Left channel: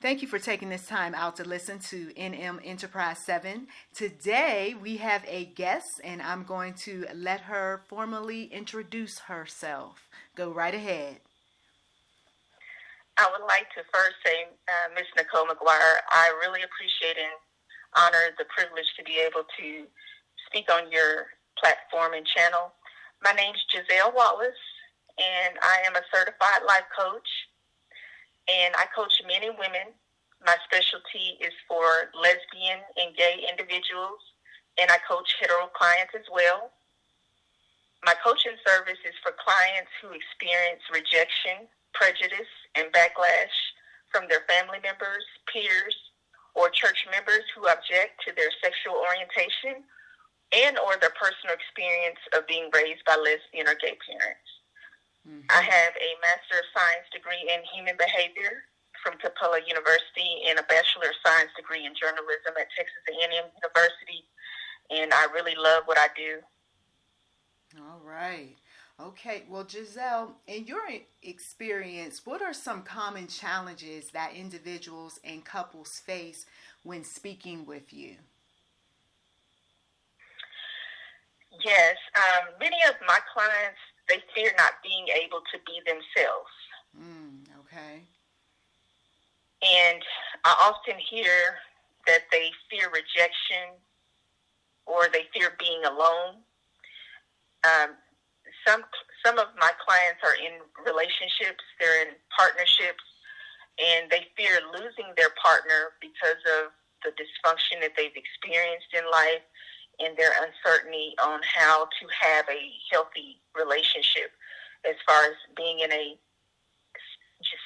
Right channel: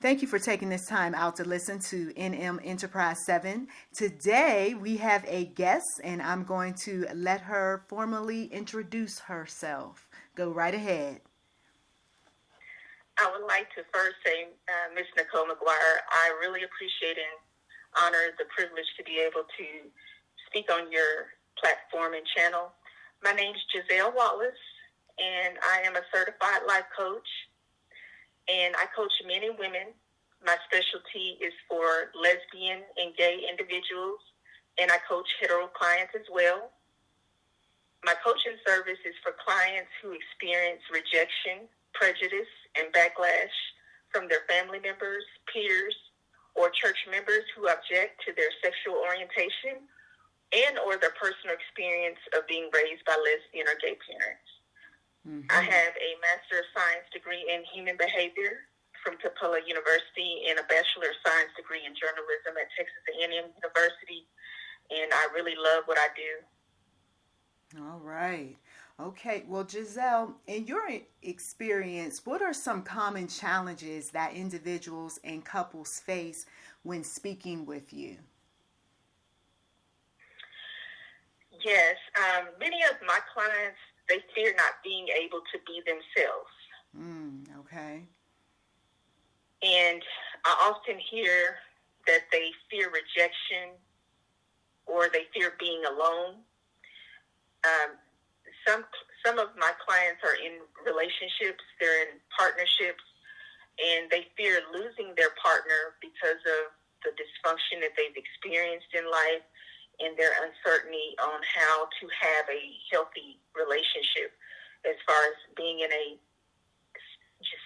Thank you for taking this time out to listen to NM Enterprise 7. Today we have a guest, and I'm going to let her formally introduce herself. Go right ahead. I would like to first say, Ms. NichollMcGuire, I really appreciate and honor the privilege to be able to speak on your platform and channel. My name is Giselle Wallace, and I am a certified life coach, and I coach men and women. My specialty is for lesbian and gay individuals, and I coach hetero clients as well. My coaching service is for clients who experience rejection, prejudice, and backlash from their family members, peers, or church members who object to their sexual orientation and or their personal experience of being raised by lesbian or gay parents. Mm-hmm. I have a Master of Science degree in Human Behavior from Capella University and a Bachelor of Science degree in Journalism at Texas A&M University, and I really love what I do. All right. Okay. Well, Giselle, in your experience, what are some common challenges that individuals and couples face when speaking with you? Yes. Many of my clients, they fear not being able to be themselves. Okay. And I often hear that they fear rejection or they fear being alone. Some of my clients are in relationships, they're in partnerships, and they fear losing their partner because of the dysfunction that they've experienced in life and their uncertainty on how to have a healthy relationship as far as being in a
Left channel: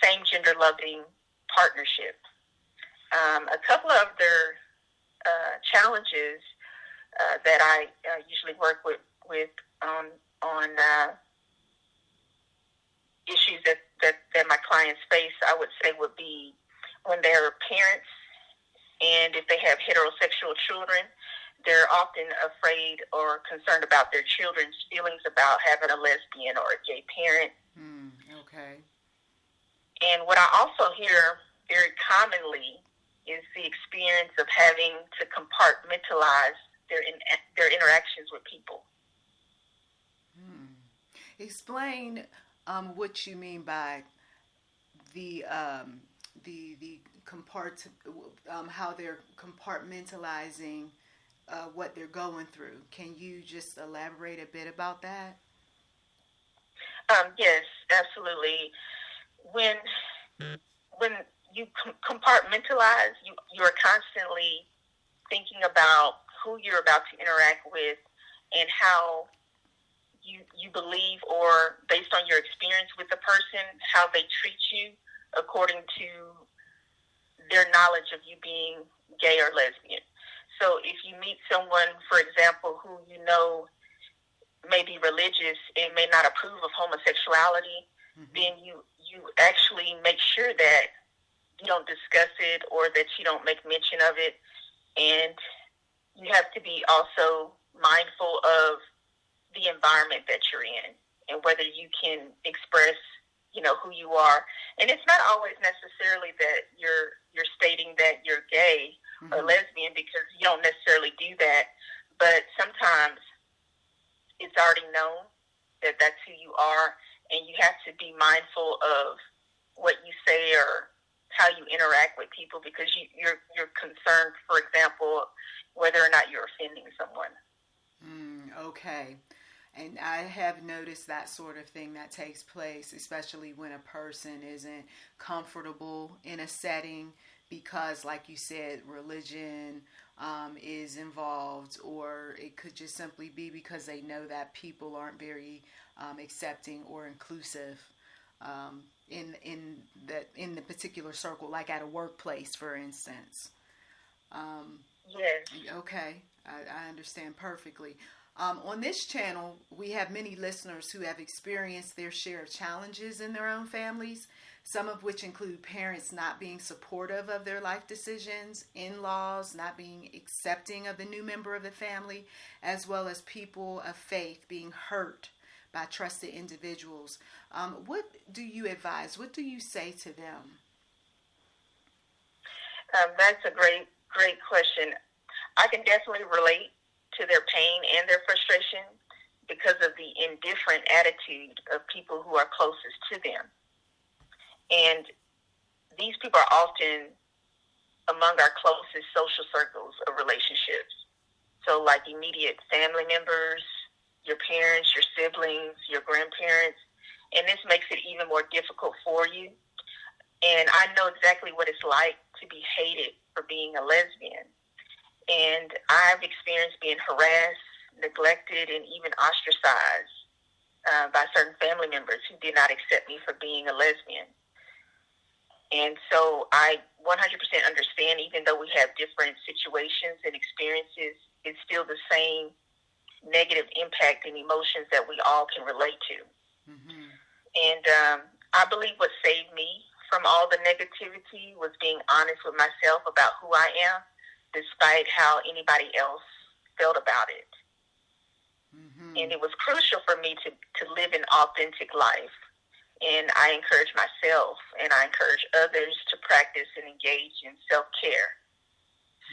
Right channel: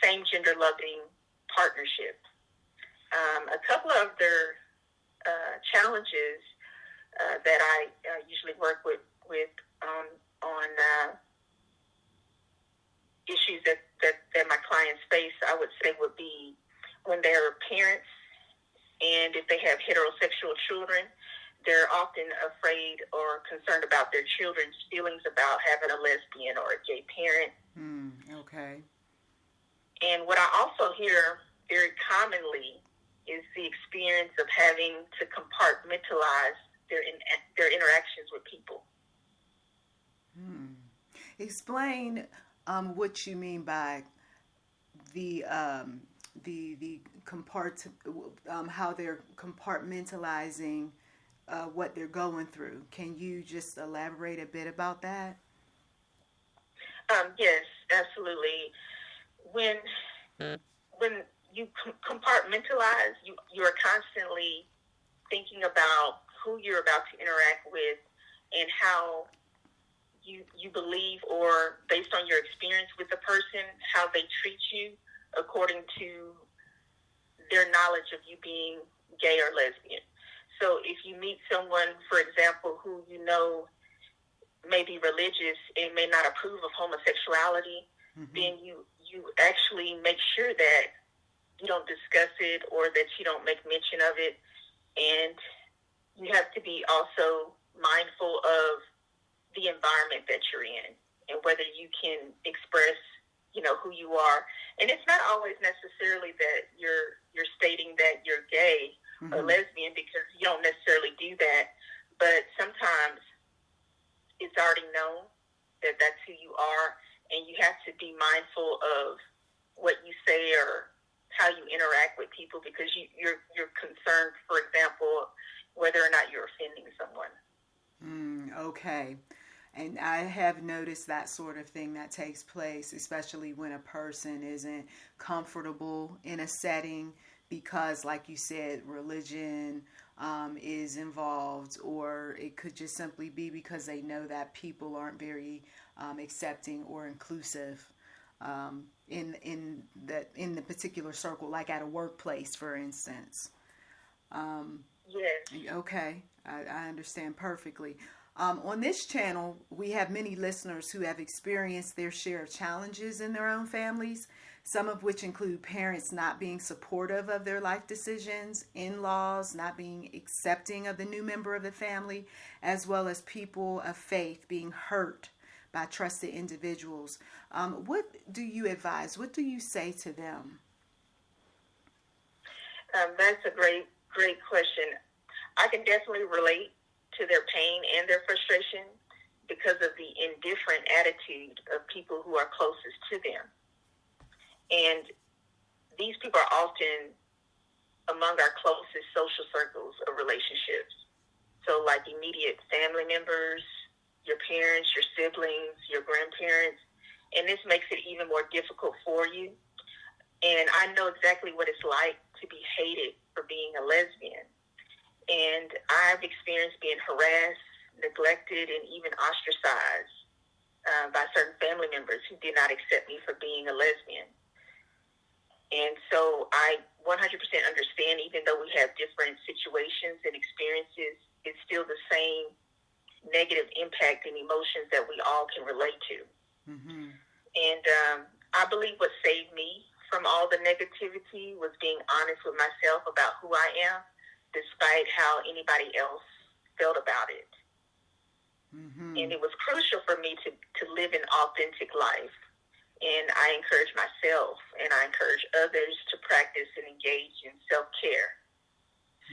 same gender loving partnership. A couple of their challenges that I usually work with on issues that my clients face, I would say, would be when they're parents and if they have heterosexual children, they're often afraid or concerned about their children's feelings about having a lesbian or a gay parent. Okay. And what I also hear very commonly is the experience of having to compartmentalize their interactions with people. Explain what you mean by the how they're compartmentalizing what they're going through. Can you just elaborate a bit about that? Yes, absolutely. When you compartmentalize, you are constantly thinking about who you're about to interact with and how you believe, or based on your experience with the person, how they treat you according to their knowledge of you being gay or lesbian. So if you meet someone, for example, who you know may be religious and may not approve of homosexuality, then you actually make sure that you don't discuss it or that you don't make mention of it. And you have to be also mindful of the environment that you're in and whether you can express, who you are. And it's not always necessarily that you're stating that you're gay or lesbian, because you don't necessarily do that. But sometimes it's already known that that's who you are, and you have to be mindful of what you say or how you interact with people, because you're concerned, for example, whether or not you're offending someone. Okay. And I have noticed that sort of thing that takes place, especially when a person isn't comfortable in a setting because, like you said, religion is involved, or it could just simply be because they know that people aren't very accepting or inclusive in the particular circle, like at a workplace, for instance. Yes. Okay, I understand perfectly. On this channel, we have many listeners who have experienced their share of challenges in their own families, some of which include parents not being supportive of their life decisions, in-laws not being accepting of the new member of the family, as well as people of faith being hurt by trusted individuals. What do you advise? What do you say to them? That's a great question. I can definitely relate to their pain and their frustration because of the indifferent attitude of people who are closest to them. And these people are often among our closest social circles of relationships. So like immediate family members, your parents, your siblings, your grandparents, and this makes it even more difficult for you. And I know exactly what it's like to be hated for being a lesbian. And I've experienced being harassed, neglected, and even ostracized by certain family members who did not accept me for being a lesbian. And so I 100% understand, even though we have different situations and experiences, it's still the same negative impact and emotions that we all can relate to. Mm-hmm. And I believe what saved me from all the negativity was being honest with myself about who I am, despite how anybody else felt about it. Mm-hmm. And it was crucial for me to live an authentic life. And I encourage myself and I encourage others to practice and engage in self-care,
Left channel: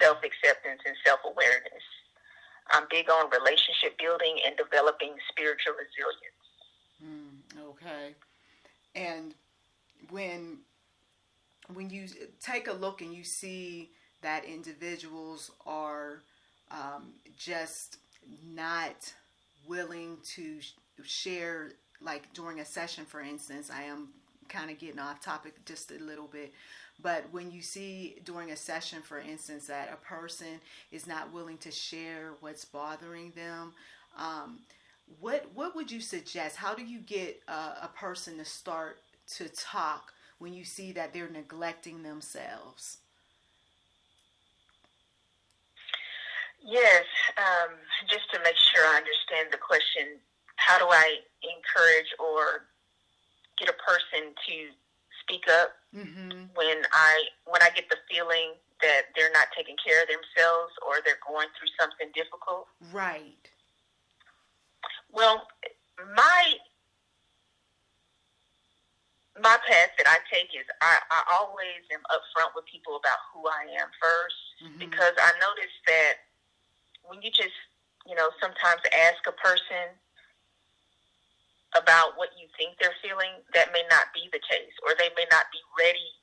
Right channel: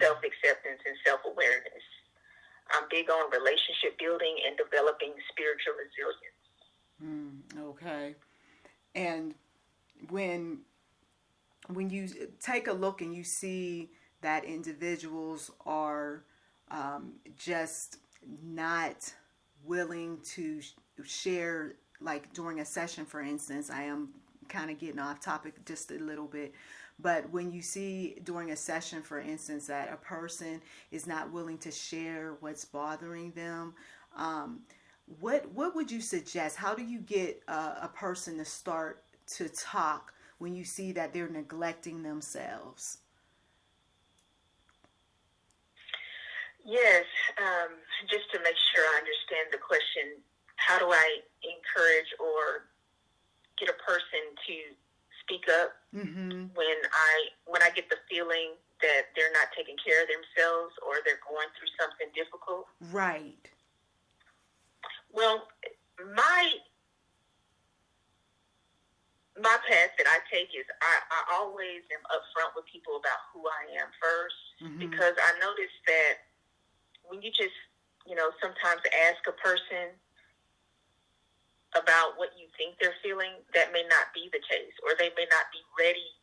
self-acceptance, and self-awareness. I'm big on relationship building and developing spiritual resilience. Okay. And when you take a look and you see that individuals are just not willing to share, like during a session, for instance, I am kind of getting off topic just a little bit, but when you see during a session, for instance, that a person is not willing to share what's bothering them, what would you suggest? How do you get a person to start to talk when you see that they're neglecting themselves? Yes, just to make sure I understand the question, how do I encourage or get a person to speak up when I get the feeling that they're not taking care of themselves or they're going through something difficult? Right. Well, my path that I take is I always am upfront with people about who I am first, because I notice that when you just, sometimes ask a person about what you think they're feeling, that may not be the case, or they may not be ready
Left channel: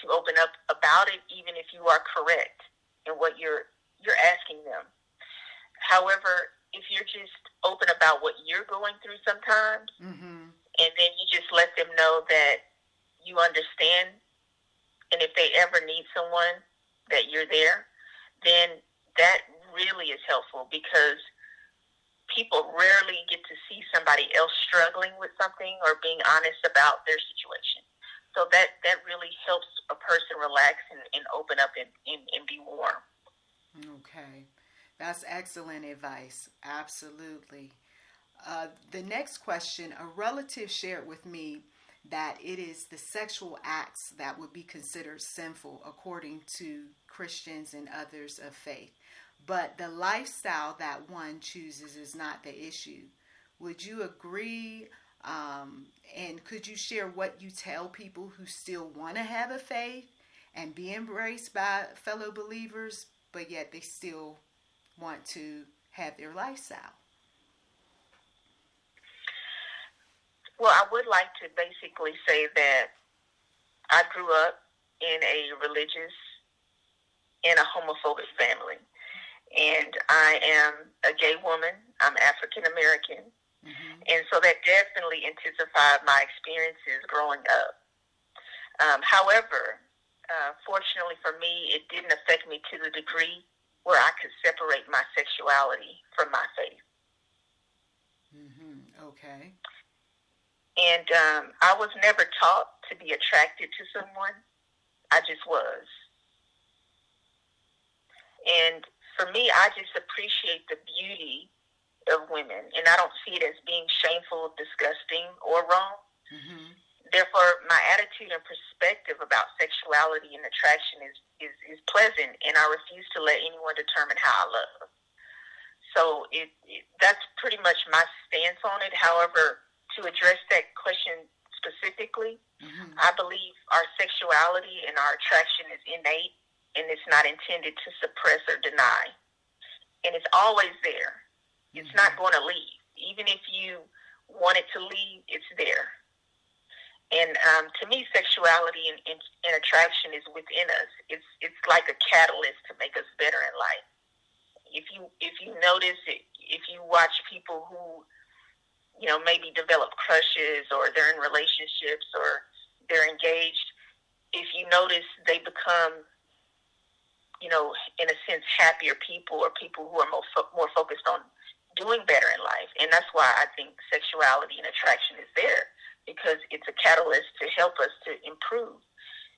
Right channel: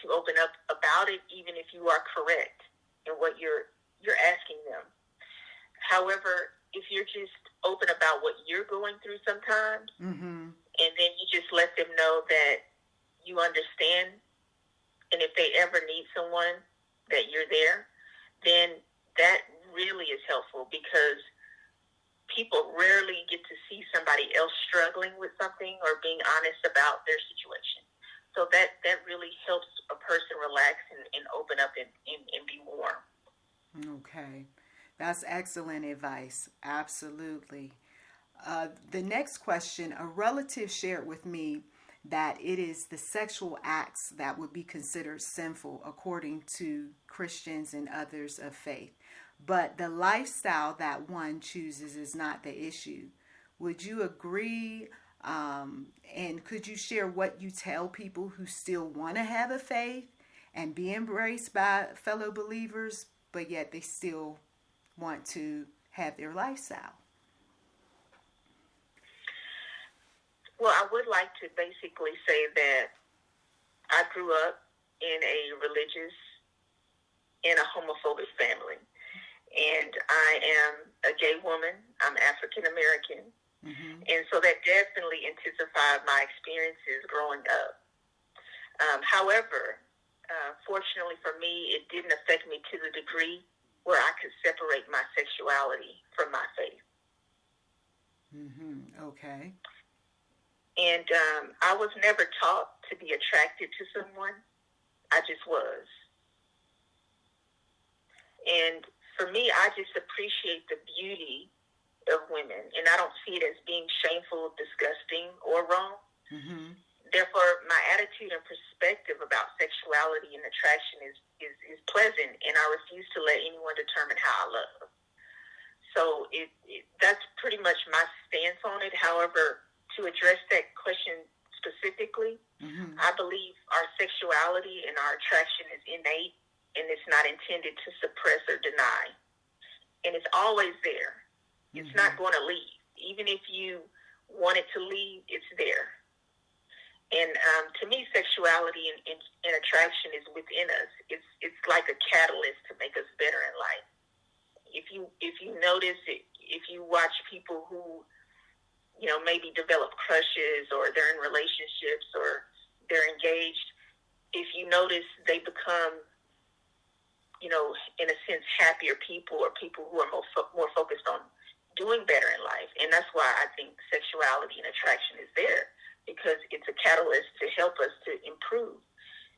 to open up about it, even if you are correct in what you're asking them. However, if you're just open about what you're going through sometimes, and then you just let them know that you understand, and if they ever need someone, that you're there, then that really is helpful, because people rarely get to see somebody else struggling with something or being honest about their situation. So that really helps a person relax and open up and be warm. Okay. That's excellent advice. Absolutely. The next question, a relative shared with me that it is the sexual acts that would be considered sinful according to Christians and others of faith, but the lifestyle that one chooses is not the issue. Would you agree? And could you share what you tell people who still want to have a faith and be embraced by fellow believers, but yet they still want to have their lifestyle? Well, I would like to basically say that I grew up in a religious and a homophobic family. And I am a gay woman. I'm African American. And so that definitely intensified my experiences growing up. However, fortunately for me, it didn't affect me to the degree where I could separate my sexuality from my faith. Okay. And I was never taught to be attracted to someone. I just was. And for me, I just appreciate the beauty of women. And I don't see it as being shameful, disgusting, or wrong. Therefore, my attitude and perspective about sexuality and attraction is pleasant, and I refuse to let anyone determine how I love. So that's pretty much my stance on it. However, to address that question specifically, I believe our sexuality and our attraction is innate, and it's not intended to suppress or deny. And it's always there. It's not going to leave. Even if you want it to leave, it's there. And to me, sexuality and attraction is within us. It's like a catalyst to make us better in life. If you notice it, if you watch people who, maybe develop crushes, or they're in relationships, or they're engaged, if you notice they become, in a sense, happier people, or people who are more focused on doing better in life. And that's why I think sexuality and attraction is there, because it's a catalyst to help us to improve.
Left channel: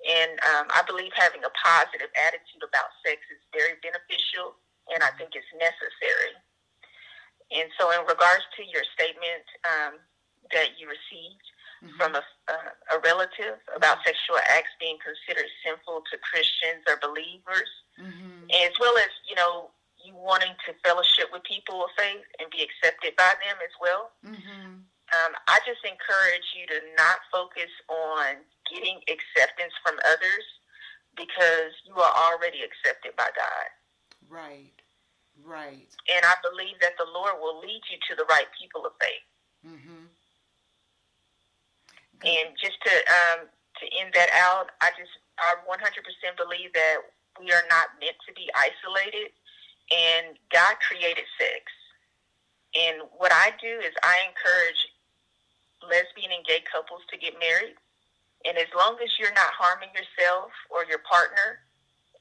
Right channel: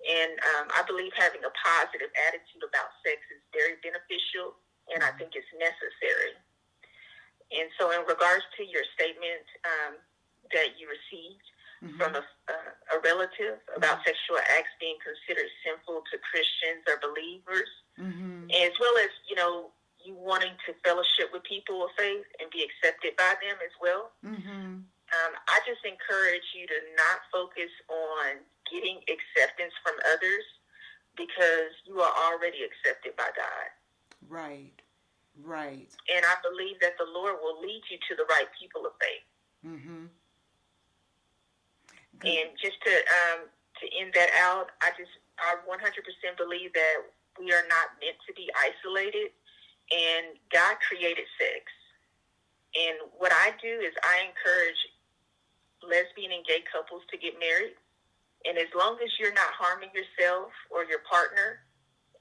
And I believe having a positive attitude about sex is very beneficial, and I think it's necessary. And so in regards to your statement that you received from a relative about sexual acts being considered sinful to Christians or believers, as well as, you wanting to fellowship with people of faith and be accepted by them as well, I just encourage you to not focus on getting acceptance from others, because you are already accepted by God. Right. And I believe that the Lord will lead you to the right people of faith. And just to end that out, I 100% believe that we are not meant to be isolated, and God created sex. And what I do is I encourage lesbian and gay couples to get married. And as long as you're not harming yourself or your partner,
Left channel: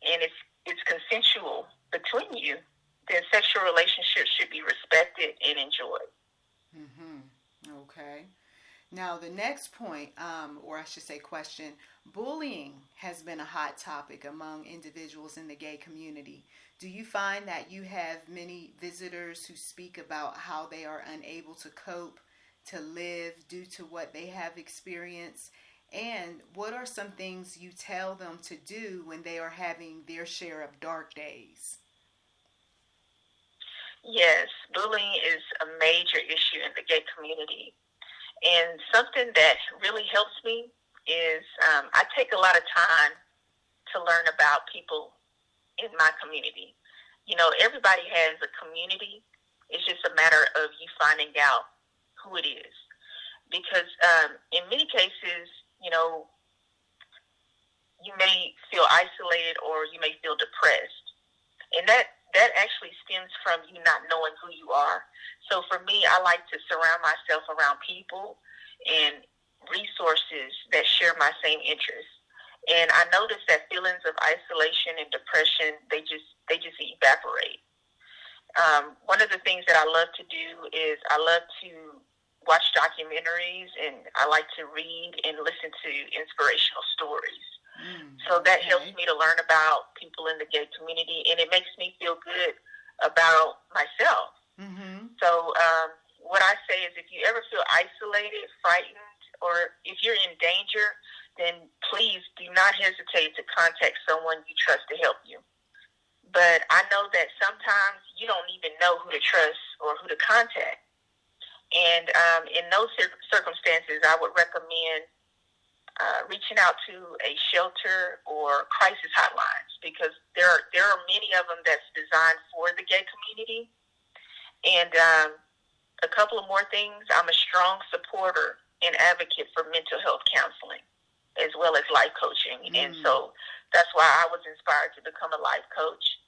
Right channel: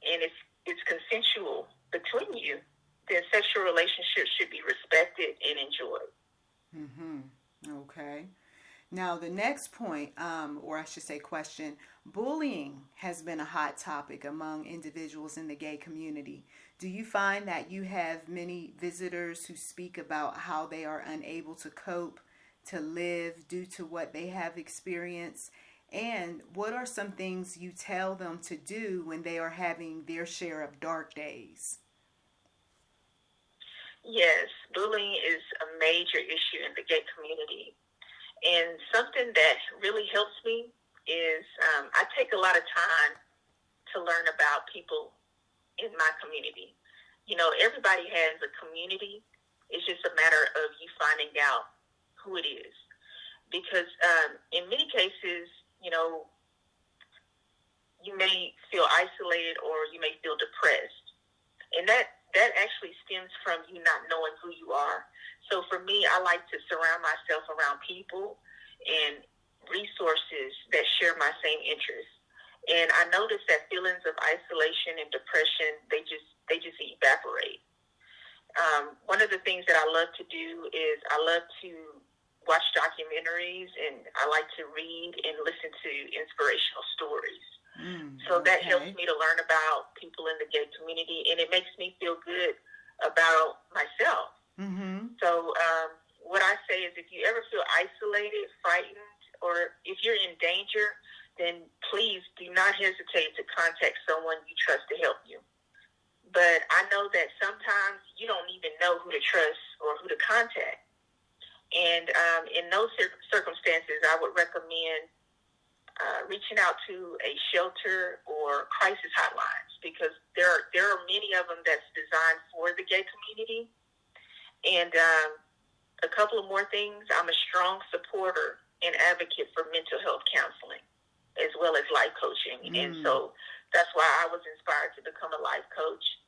and it's consensual between you, then sexual relationships should be respected and enjoyed. Okay. Now, the next point, or I should say question, bullying has been a hot topic among individuals in the gay community. Do you find that you have many visitors who speak about how they are unable to cope, to live due to what they have experienced? And what are some things you tell them to do when they are having their share of dark days? Yes, bullying is a major issue in the gay community. And something that really helps me is I take a lot of time to learn about people in my community. Everybody has a community. It's just a matter of you finding out who it is. Because in many cases, you may feel isolated, or you may feel depressed. And that actually stems from you not knowing who you are. So for me, I like to surround myself around people and resources that share my same interests. And I notice that feelings of isolation and depression, they just evaporate. One of the things that I love to do is I love to watch documentaries, and I like to read and listen to inspirational stories. So that helps me to learn about people in the gay community, and it makes me feel good about myself. So what I say is, if you ever feel isolated, frightened, or if you're in danger, then please do not hesitate to contact someone you trust to help you. But I know that sometimes you don't even know who to trust or who to contact. And in those circumstances, I would recommend reaching out to a shelter or crisis hotlines, because there are many of them that's designed for the gay community. And a couple of more things, I'm a strong supporter and advocate for mental health counseling, as well as life coaching. And so that's why I was inspired to become a life coach.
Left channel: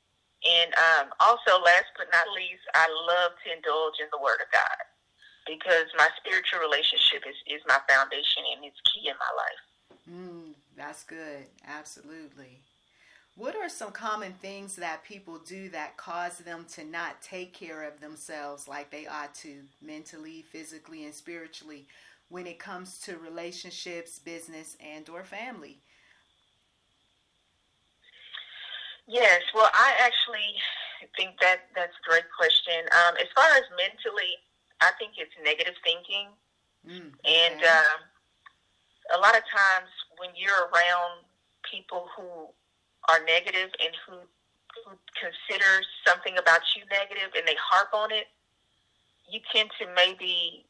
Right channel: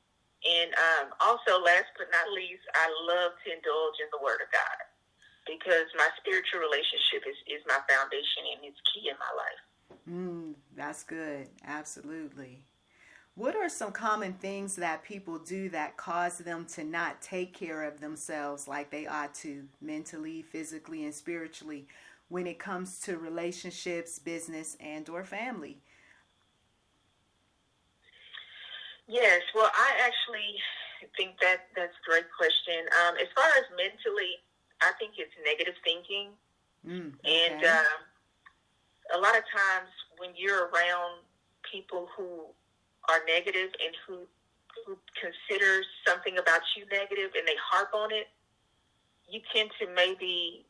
And also, last but not least, I love to indulge in the Word of God, because my spiritual relationship is my foundation, and it's key in my life. That's good. Absolutely. What are some common things that people do that cause them to not take care of themselves like they ought to, mentally, physically, and spiritually, when it comes to relationships, business, and or family? Yes, well, I actually think that's a great question. As far as mentally, I think it's negative thinking. And a lot of times when you're around people who are negative and who consider something about you negative and they harp on it, you tend to maybe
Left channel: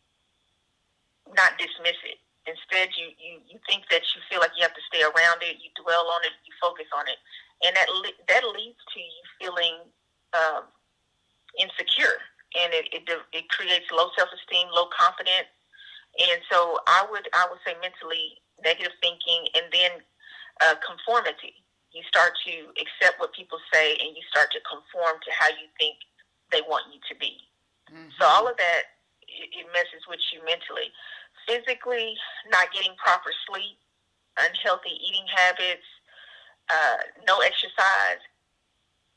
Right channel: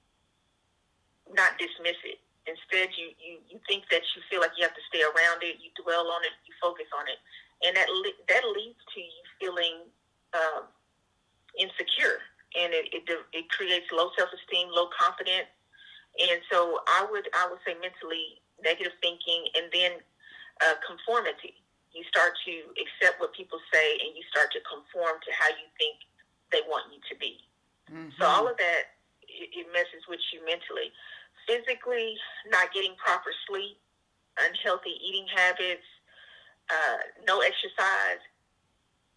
not dismiss it. Instead, you think that you feel like you have to stay around it, you dwell on it, you focus on it. and that leads to you feeling insecure, and it creates low self-esteem, low confidence. And so I would say mentally negative thinking, and then conformity. You start to accept what people say, and you start to conform to how you think they want you to be. Mm-hmm. So all of that, it messes with you mentally. Physically, not getting proper sleep, unhealthy eating habits, no exercise,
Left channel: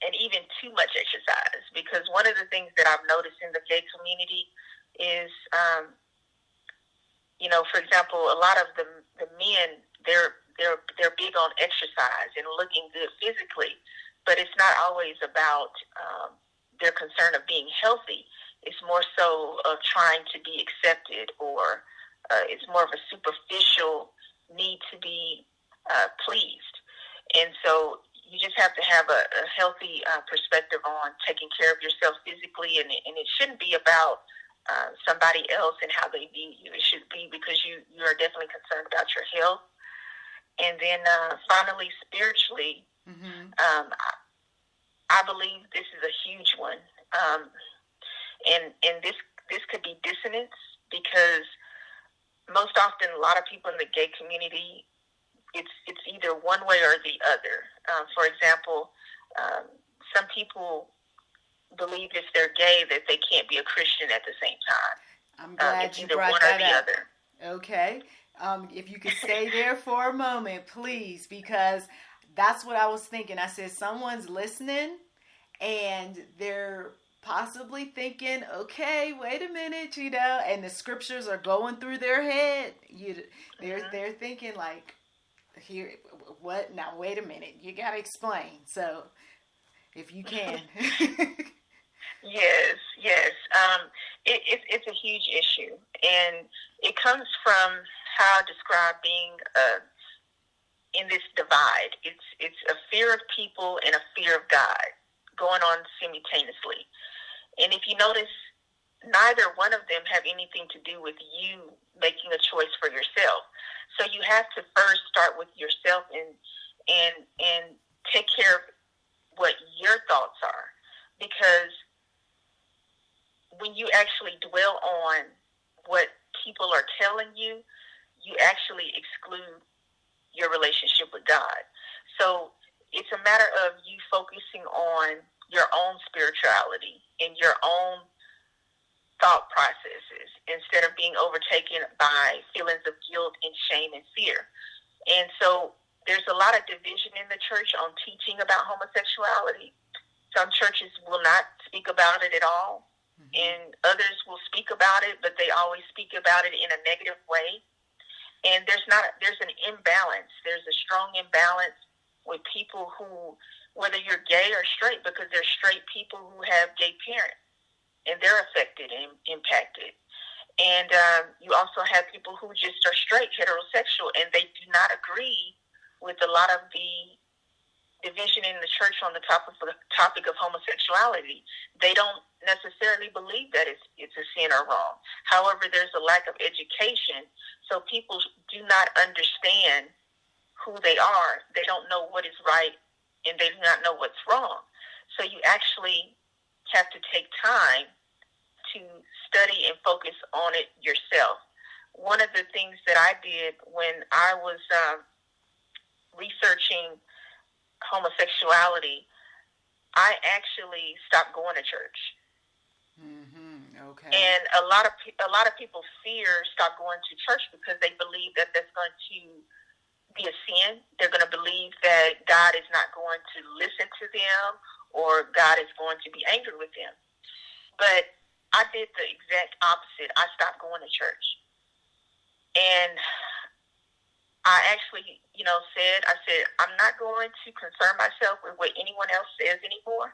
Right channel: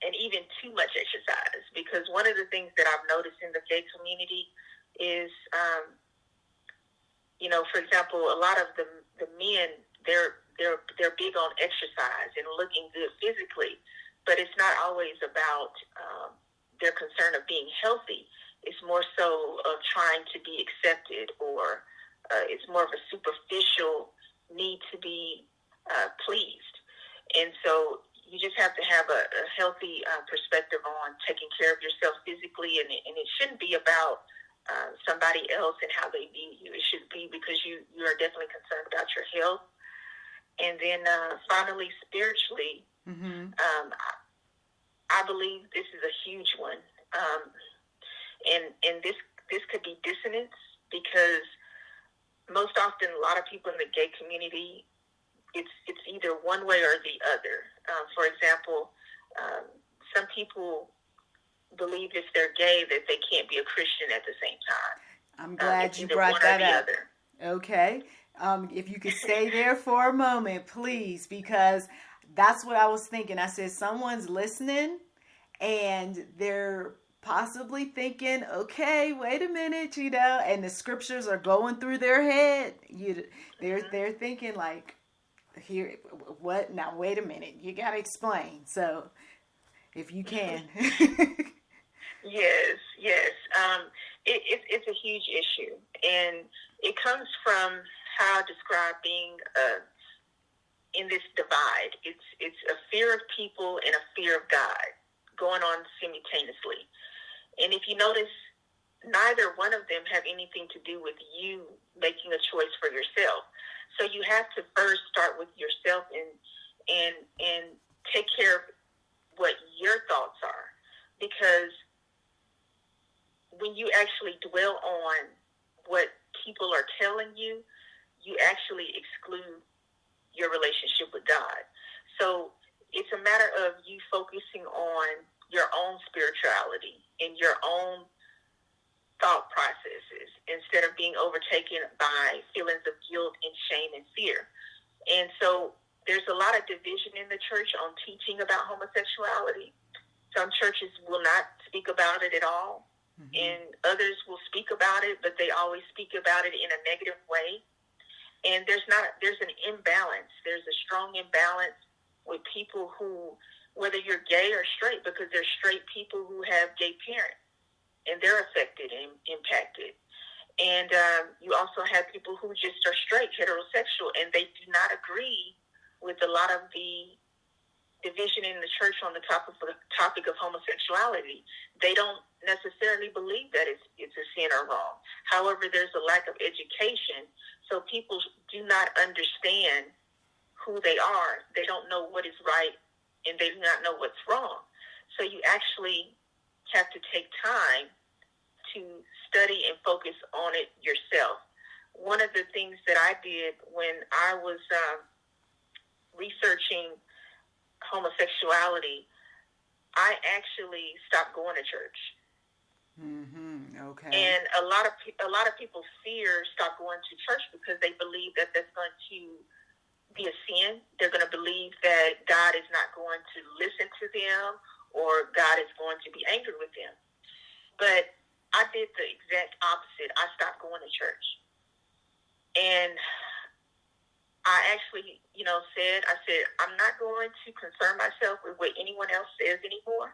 and even too much exercise. Because one of the things that I've noticed in the gay community is, for example, a lot of the men, they're big on exercise and looking good physically, but it's not always about their concern of being healthy. It's more so of trying to be accepted, or it's more of a superficial need to be pleased. And so you just have to have a healthy perspective on taking care of yourself physically, and it shouldn't be about somebody else and how they view you. It should be because you are definitely concerned about your health. And then finally, spiritually, I believe this is a huge one. And this could be dissonance, because most often a lot of people in the gay community, it's either one way or the other. For example, some people believe if they're gay that they can't be a Christian at the same time. I'm glad you brought that up. Okay. If you could stay there for a moment, please, because that's what I was thinking. I said, someone's listening and they're possibly thinking, okay, wait a minute, and the scriptures are going through their head. They're thinking like, here, what? Now, wait a minute. You got to explain. So if you can. Yes. It's a huge issue, and it comes from how I describe being in this divide. It's a fear of people and a fear of God going on simultaneously. And if you notice, neither one of them have anything to do with you making a choice for yourself. So you have to first start with yourself and take care of what your thoughts are, because when you actually dwell on what people are telling you, you actually exclude your relationship with God. So it's a matter of you focusing on your own spirituality and your own thought processes instead of being overtaken by feelings of guilt and shame and fear. And so there's a lot of division in the church on teaching about homosexuality. Some churches will not speak about it at all, and others will speak about it, but they always speak about it in a negative way. And there's an imbalance. There's a strong imbalance with people who, whether you're gay or straight, because there's straight people who have gay parents, and they're affected and impacted. And you also have people who just are straight, heterosexual, and they do not agree with a lot of the division in the church on the topic of homosexuality. They don't necessarily believe that it's a sin or wrong. However, there's a lack of education, so people do not understand who they are. They don't know what is right, and they do not know what's wrong. So you actually have to take time to study and focus on it yourself. One of the things that I did when I was researching homosexuality, I actually stopped going to church. Okay. And a lot of people fear stop going to church because they believe that that's going to be a sin. They're going to believe that God is not going to listen to them, or God is going to be angry with them. But I did the exact opposite. I stopped going to church. And I actually, said, I'm not going to concern myself with what anyone else says anymore.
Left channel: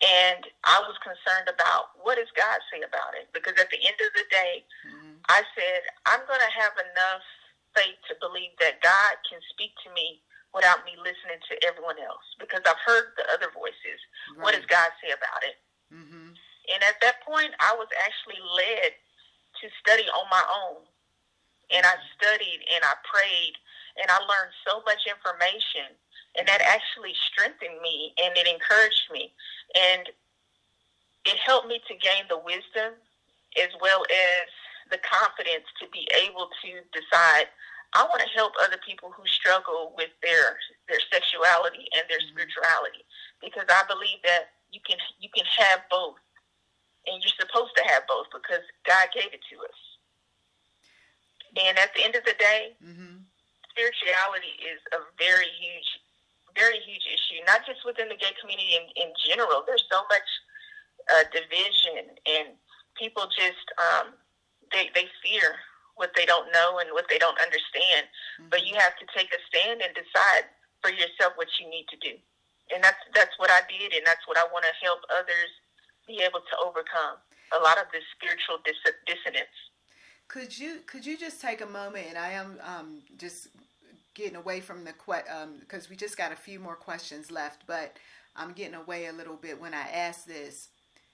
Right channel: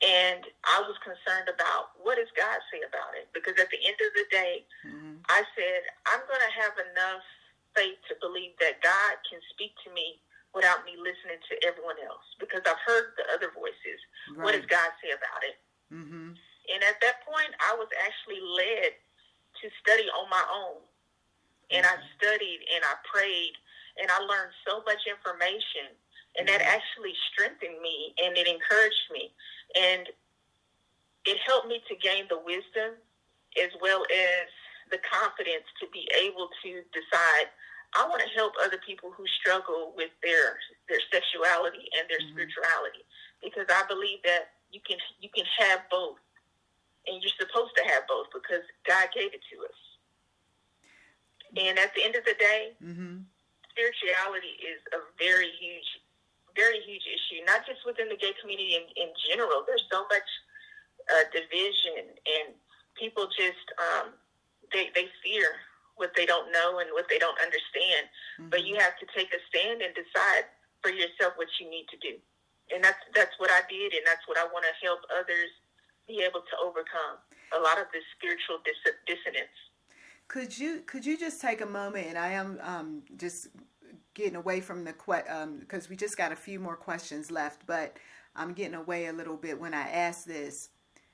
And I was concerned about what does God say about it? Because at the end of the day, I said, I'm going to have enough faith to believe that God can speak to me without me listening to everyone else, because I've heard the other voices. Right. What does God say about it? And at that point, I was actually led to study on my own. And I studied and I prayed and I learned so much information And that actually strengthened me, and it encouraged me. And it helped me to gain the wisdom as well as the confidence to be able to decide, I want to help other people who struggle with their sexuality and their spirituality, because I believe that you can have both, and you're supposed to have both because God gave it to us. And at the end of the day, spirituality is a very huge issue, not just within the gay community in general. There's so much division, and people just they fear what they don't know and what they don't understand. But you have to take a stand and decide for yourself what you need to do. And that's what I did, and that's what I want to help others be able to overcome a lot of this spiritual dissonance. Could you just take a moment, and I am just getting away from the because we just got a few more questions left, but I'm getting away a little bit when I ask this.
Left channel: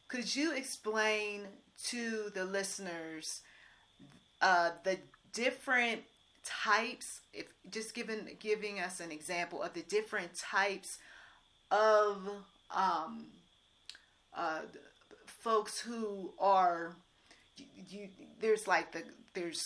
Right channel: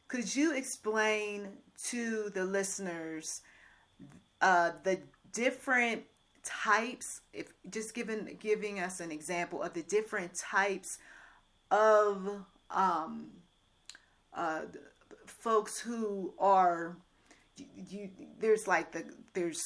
Could you explain to the listeners the different types, if just giving us an example of the different types of folks who are there's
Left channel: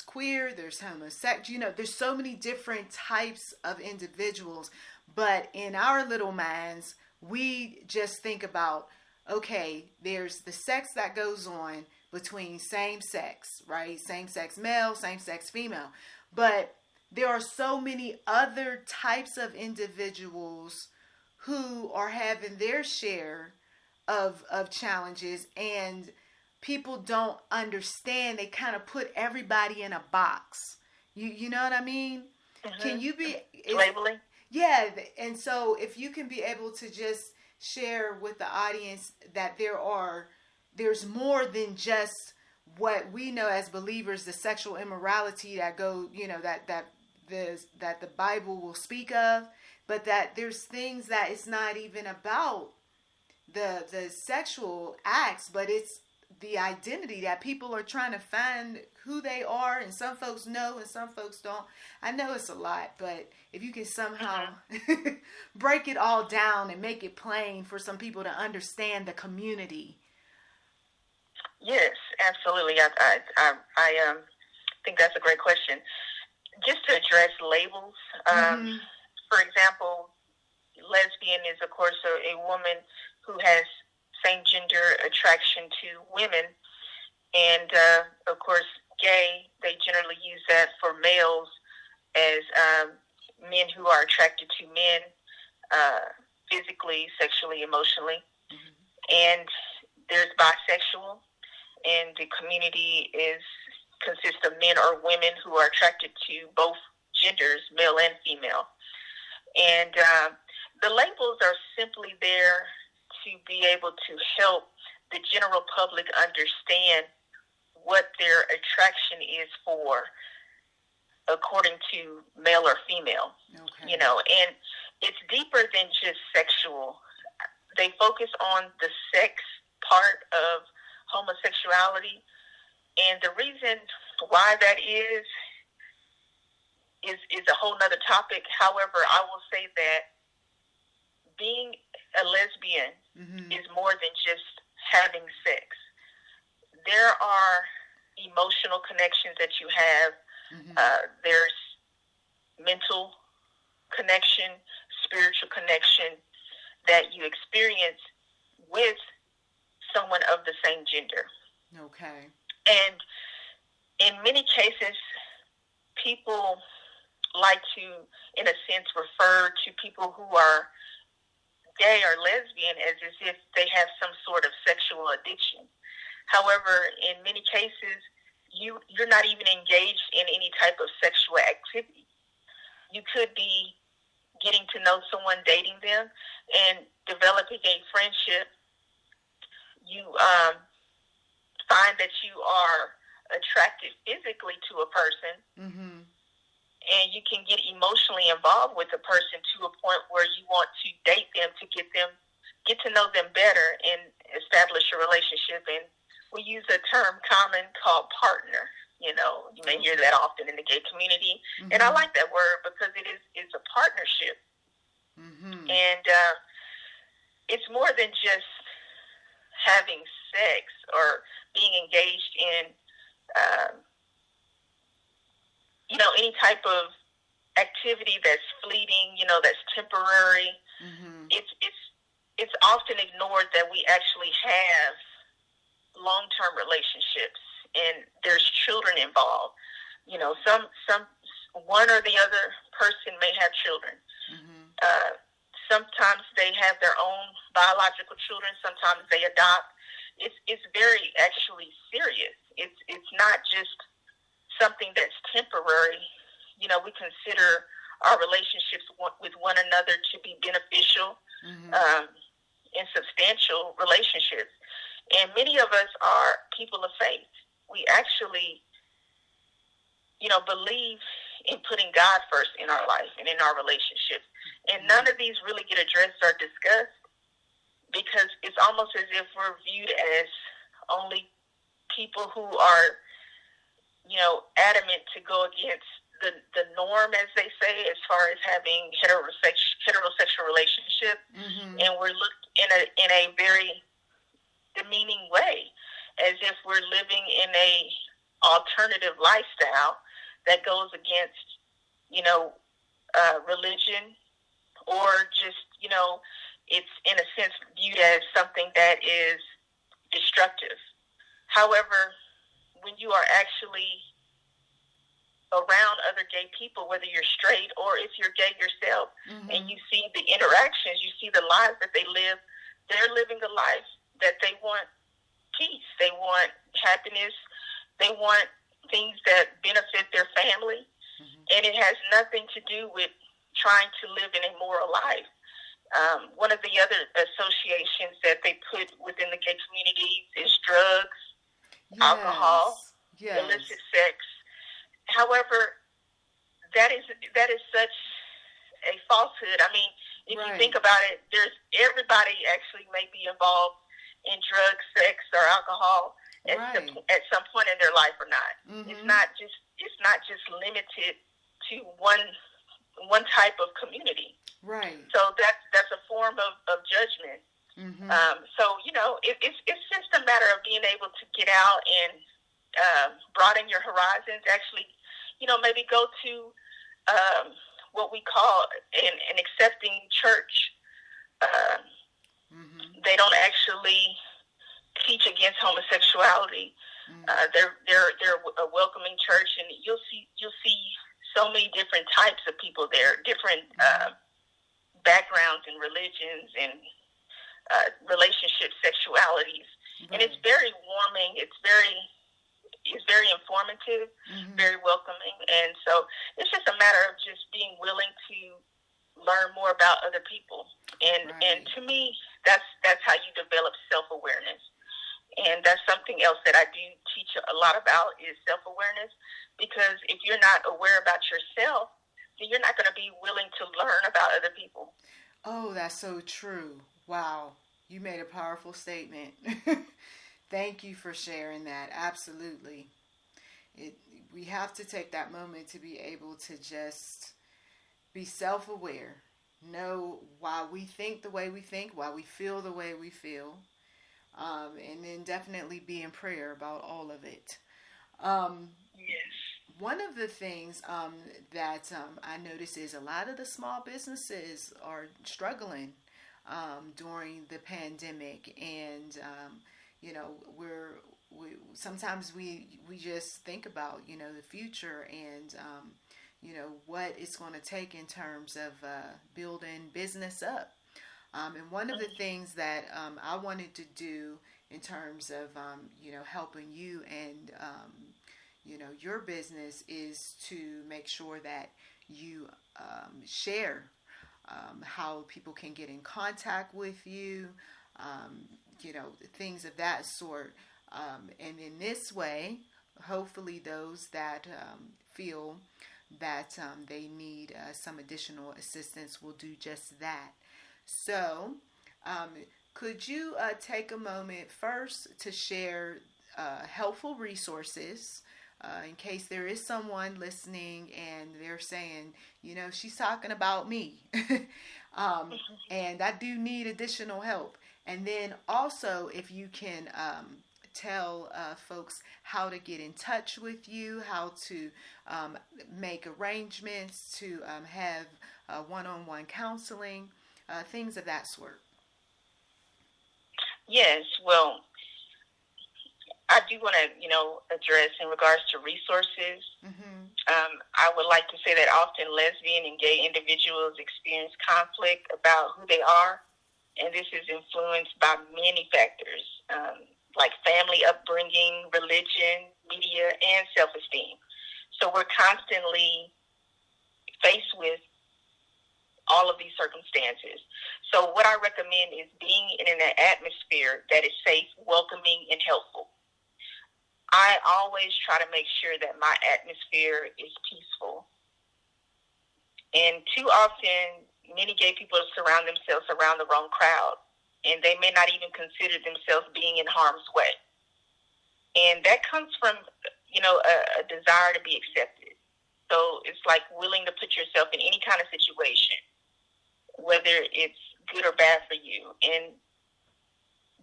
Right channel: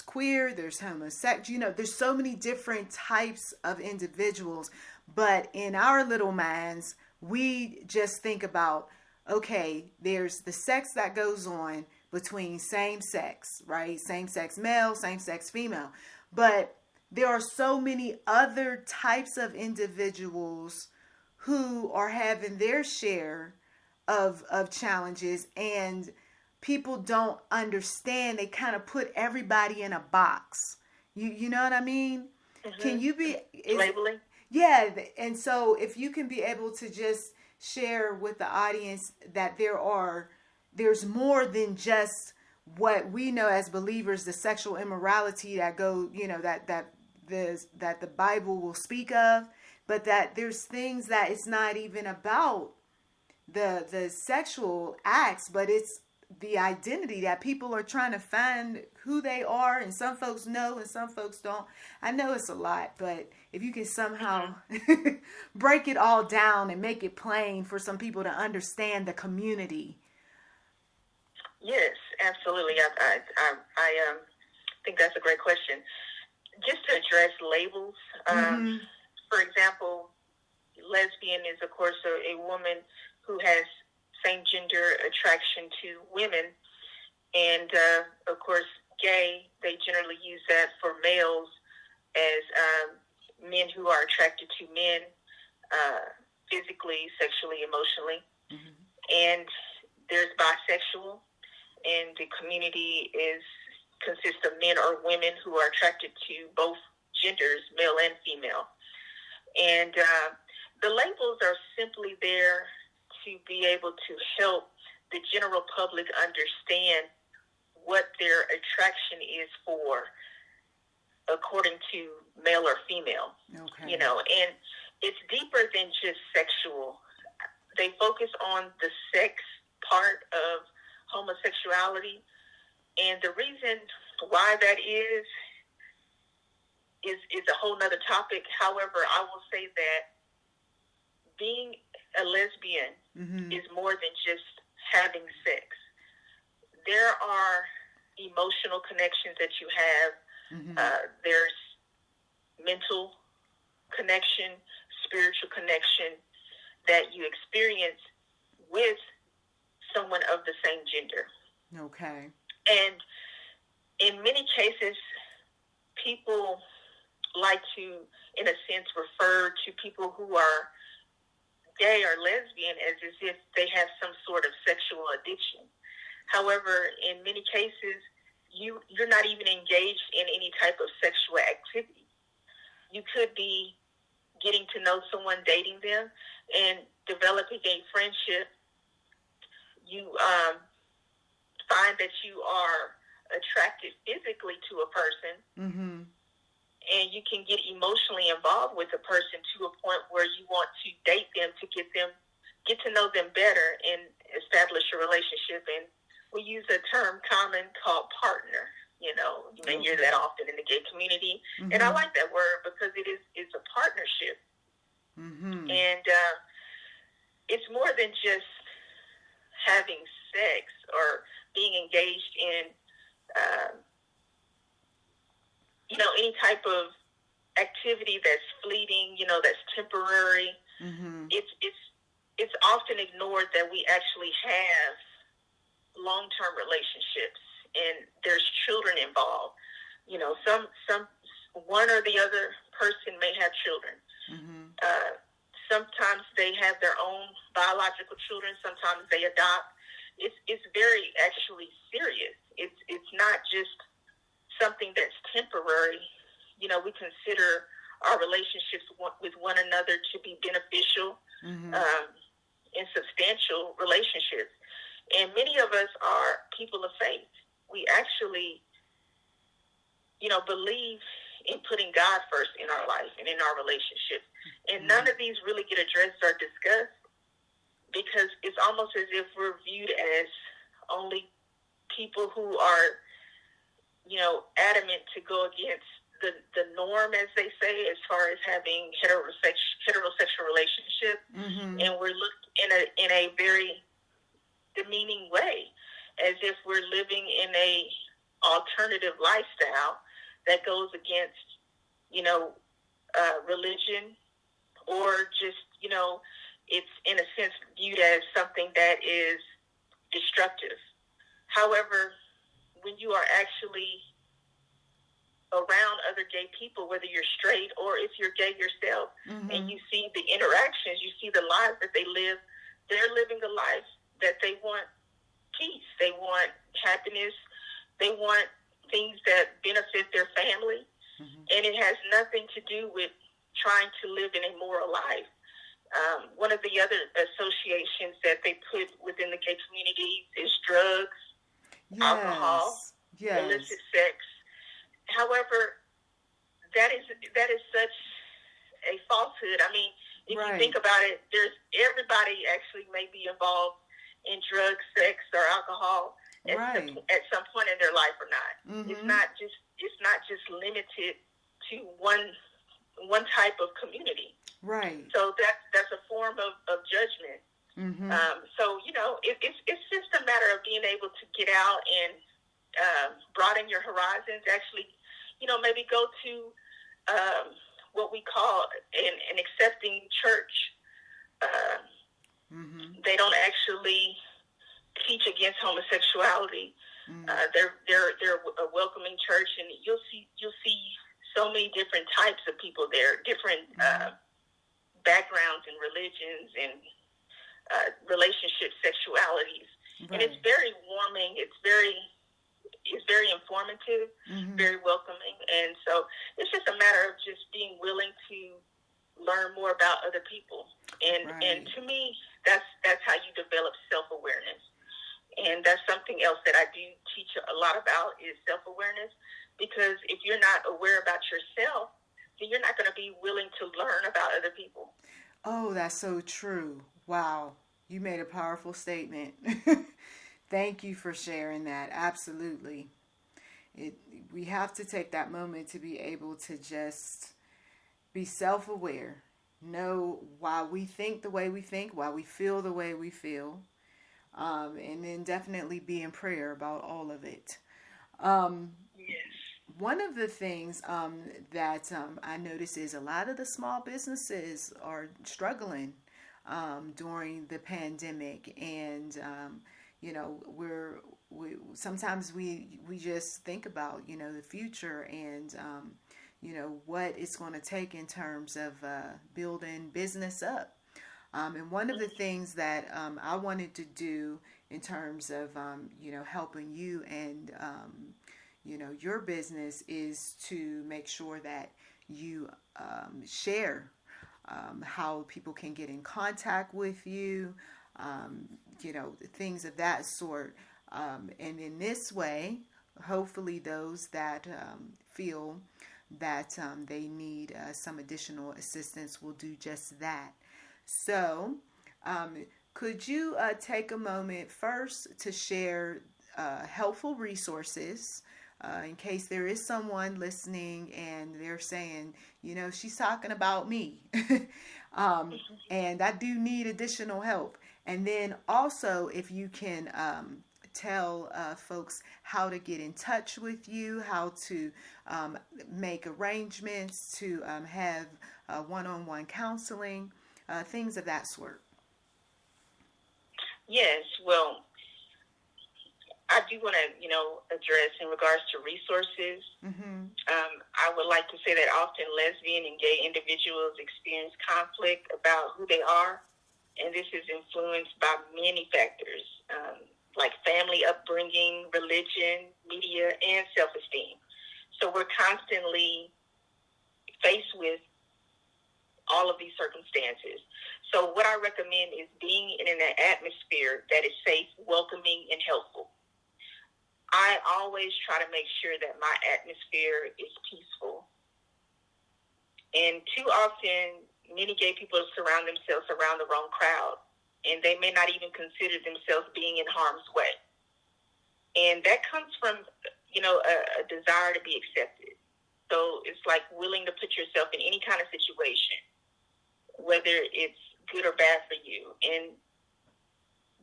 queer, there's homosexual, there's so many different types of individuals, but in our little minds, we just think about, okay, there's the sex that goes on between same sex, right? Same sex male, same sex female. But there are so many other types of individuals who are having their share of challenges, and people don't understand. They kind of put everybody in a box. You know what I mean? Can you be labeling? Yeah, and so if you can be able to just share with the audience that there's more than just what we know as believers, the sexual immorality that that the Bible will speak of, but that there's things that it's not even about the sexual acts, but it's the identity that people are trying to find who they are, and some folks know and some folks don't. I know it's a lot, but if you can somehow break it all down and make it plain for some people to understand the community. Yes, absolutely. I think that's a great question. Just to address labels, for example, lesbian is, of course, a woman who has same-gender attraction to women. And, of course, gay, they generally use that for males as men who are attracted to men physically, sexually, emotionally. And there's bisexual, and the community consists of men or women who are attracted to both genders, male and female. And the labels are simply there to be able to help the general public understand what their attraction is for, according to male or female. Okay. And it's deeper than just sexual. They focus on the sex part of homosexuality, and the reason why that is a whole nother topic. However, I will say that being a lesbian is more than just having sex. There are emotional connections that you have. There's mental connection, spiritual connection that you experience with someone of the same gender. Okay. And in many cases, people like to, in a sense, refer to people who are gay or lesbian as if they have some sort of sexual addiction. However, in many cases, you're not even engaged in any type of sexual activity. You could be getting to know someone, dating them, and developing a friendship. You find that you are attracted physically to a person, and you can get emotionally involved with a person to a point where you want to date them to get to know them better and establish a relationship. And we use a term common called partner. You may hear that often in the gay community, and I like that word because it's a partnership. And it's more than just having sex or being engaged in, any type of activity that's fleeting, that's temporary. Mm-hmm. It's often ignored that we actually have long-term relationships, and there's children involved. Some one or the other person may have children. Mm-hmm. Sometimes they have their own biological children. Sometimes they adopt. It's very actually serious. It's not just something that's temporary. We consider our relationships with one another to be beneficial, mm-hmm. And substantial relationships. And many of us are people of faith. We actually, believe in putting God first in our life and in our relationships. And none of these really get addressed or discussed, because it's almost as if we're viewed as only people who are, adamant to go against the norm, as they say, as far as having heterosexual relationship. Mm-hmm. And we're looked in a very demeaning way, as if we're living in a alternative lifestyle that goes against, religion, or just, it's in a sense viewed as something that is destructive. However, when you are actually around other gay people, whether you're straight or if you're gay yourself, mm-hmm. and you see the interactions, you see the lives that they live, they're living a life that they want peace, they want happiness, they want things that benefit their family, mm-hmm. and it has nothing to do with trying to live in a moral life. One of the other associations that they put within the gay community is drugs, alcohol, illicit sex. However, that is such a falsehood. I mean, if you think about it, everybody actually may be involved in drugs, sex, or alcohol at some point in their life or not. Mm-hmm. It's not just limited to one type of community. Right. So that's a form of judgment. Mm-hmm. So it's just a matter of being able to get out and broaden your horizons. Actually, maybe go to what we call an accepting church. Mm-hmm. They don't actually teach against homosexuality. Mm-hmm. They're a welcoming church, and you'll see so many different types of people there, different backgrounds and religions and relationships, sexualities, and it's very warming. It's very informative, mm-hmm. very welcoming, and so it's just a matter of just being willing to learn more about other people, and to me, that's how you develop self-awareness, and that's something else that I do teach a lot about is self-awareness, because if you're not aware about yourself, then you're not going to be willing to learn about other people. Oh, that's so true. Wow, you made a powerful statement. Thank you for sharing that. Absolutely. We have to take that moment to be able to just be self-aware, know why we think the way we think, why we feel the way we feel, and then definitely be in prayer about all of it. Yes. One of the things that I notice is a lot of the small businesses are struggling during the pandemic, and we sometimes just think about the future and what it's going to take in terms of building business up. And one of the things that I wanted to do in terms of helping you and your business is to make sure that you share how people can get in contact with you, things of that sort. And in this way, hopefully those that feel that they need some additional assistance will do just that. So, could you take a moment first to share helpful resources in case there is someone listening and they're saying, she's talking about me. And I do need additional help. And then also, if you can tell folks how to get in touch with you, how to make arrangements to have one-on-one counseling, things of that sort. Yes, well, I do want to, address in regards to resources. I would like to say that often lesbian and gay individuals experience conflict about who they are, and this is influenced by many factors, like family upbringing, religion, media, and self-esteem. So we're constantly faced with all of these circumstances. So what I recommend is being in an atmosphere that is safe, welcoming, and helpful. I always try to make sure that my atmosphere is peaceful. And too often, many gay people surround themselves around the wrong crowd, and they may not even consider themselves being in harm's way. And that comes from, a desire to be accepted. So it's like willing to put yourself in any kind of situation, whether it's good or bad for you. And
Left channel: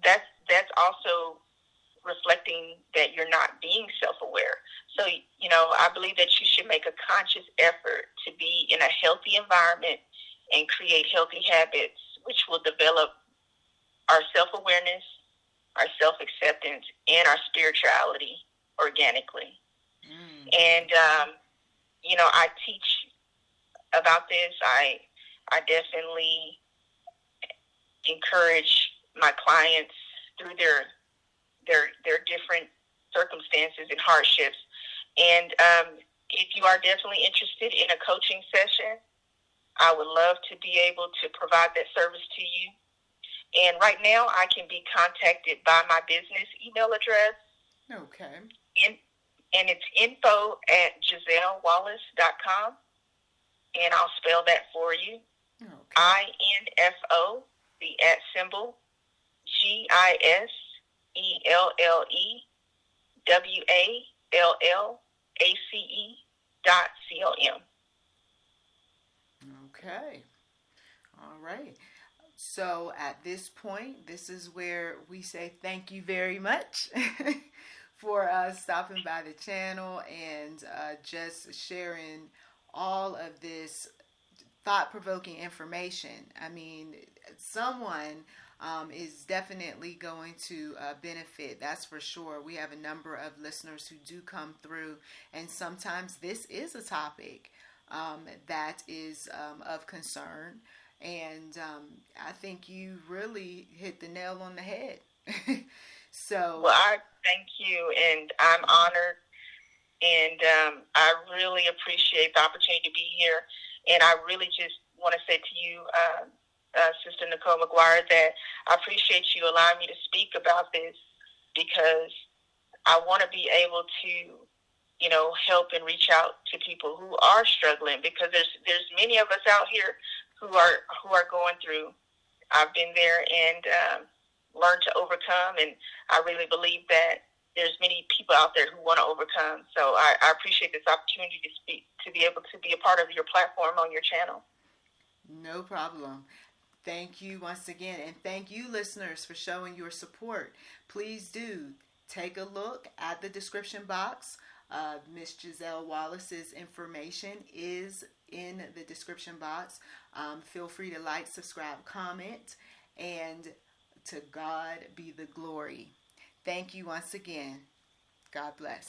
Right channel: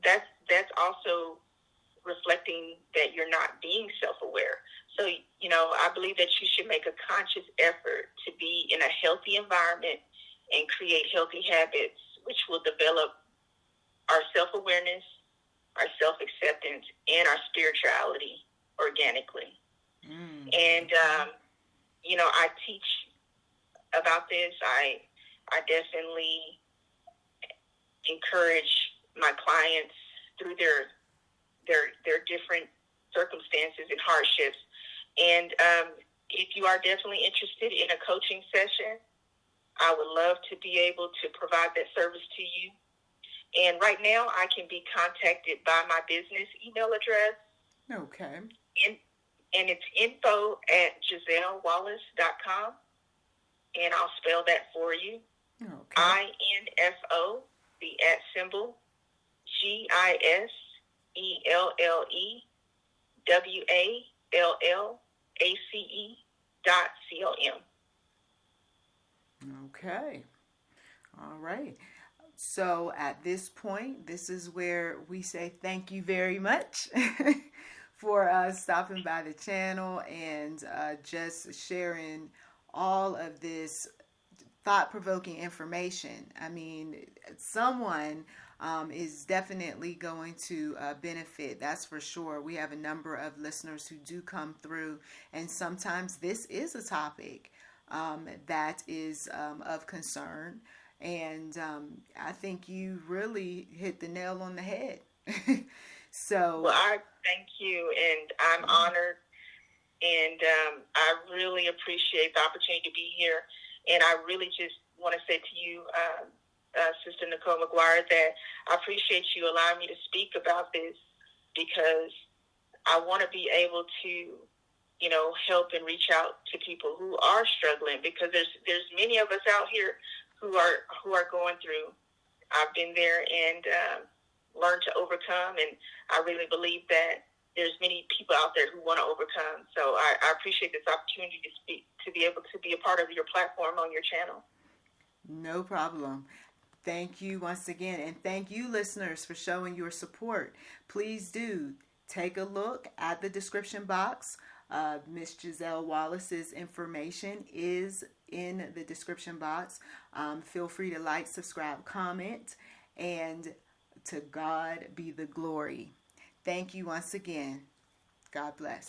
that's also reflecting that you're not being self-aware. So, I believe that you should make a conscious effort to be in a healthy environment and create healthy habits, which will develop our self-awareness, our self-acceptance, and our spirituality organically. And, I teach about this. I definitely encourage my clients through their different circumstances and hardships. And if you are definitely interested in a coaching session, I would love to be able to provide that service to you. And right now, I can be contacted by my business email address. Okay. And it's info@GiselleWallace.com. And I'll spell that for you. Okay. INFO, the @ symbol, GISELLEWALLACE.com. Okay. All right. So at this point, this is where we say thank you very much for stopping by the channel and just sharing all of this thought-provoking information. I mean, someone is definitely going to benefit, that's for sure. We have a number of listeners who do come through, and sometimes this is a topic that is of concern. And I think you really hit the nail on the head. So, well, I thank you, and I'm honored, and I really appreciate the opportunity to be here. And I really just want to say to you, Sister NichollMcGuire, that I appreciate you allowing me to speak about this, because I want to be able to, help and reach out to people who are struggling, because there's many of us out here who are going through. I've been there and learned to overcome, and I really believe that there's many people out there who want to overcome. So I appreciate this opportunity to speak, to be able to be a part of your platform on your channel. No problem. Thank you once again, and thank you, listeners, for showing your support. Please do take a look at the description box. Miss Giselle Wallace's information is in the description box. Feel free to like, subscribe, comment, and to God be the glory. Thank you once again. God bless.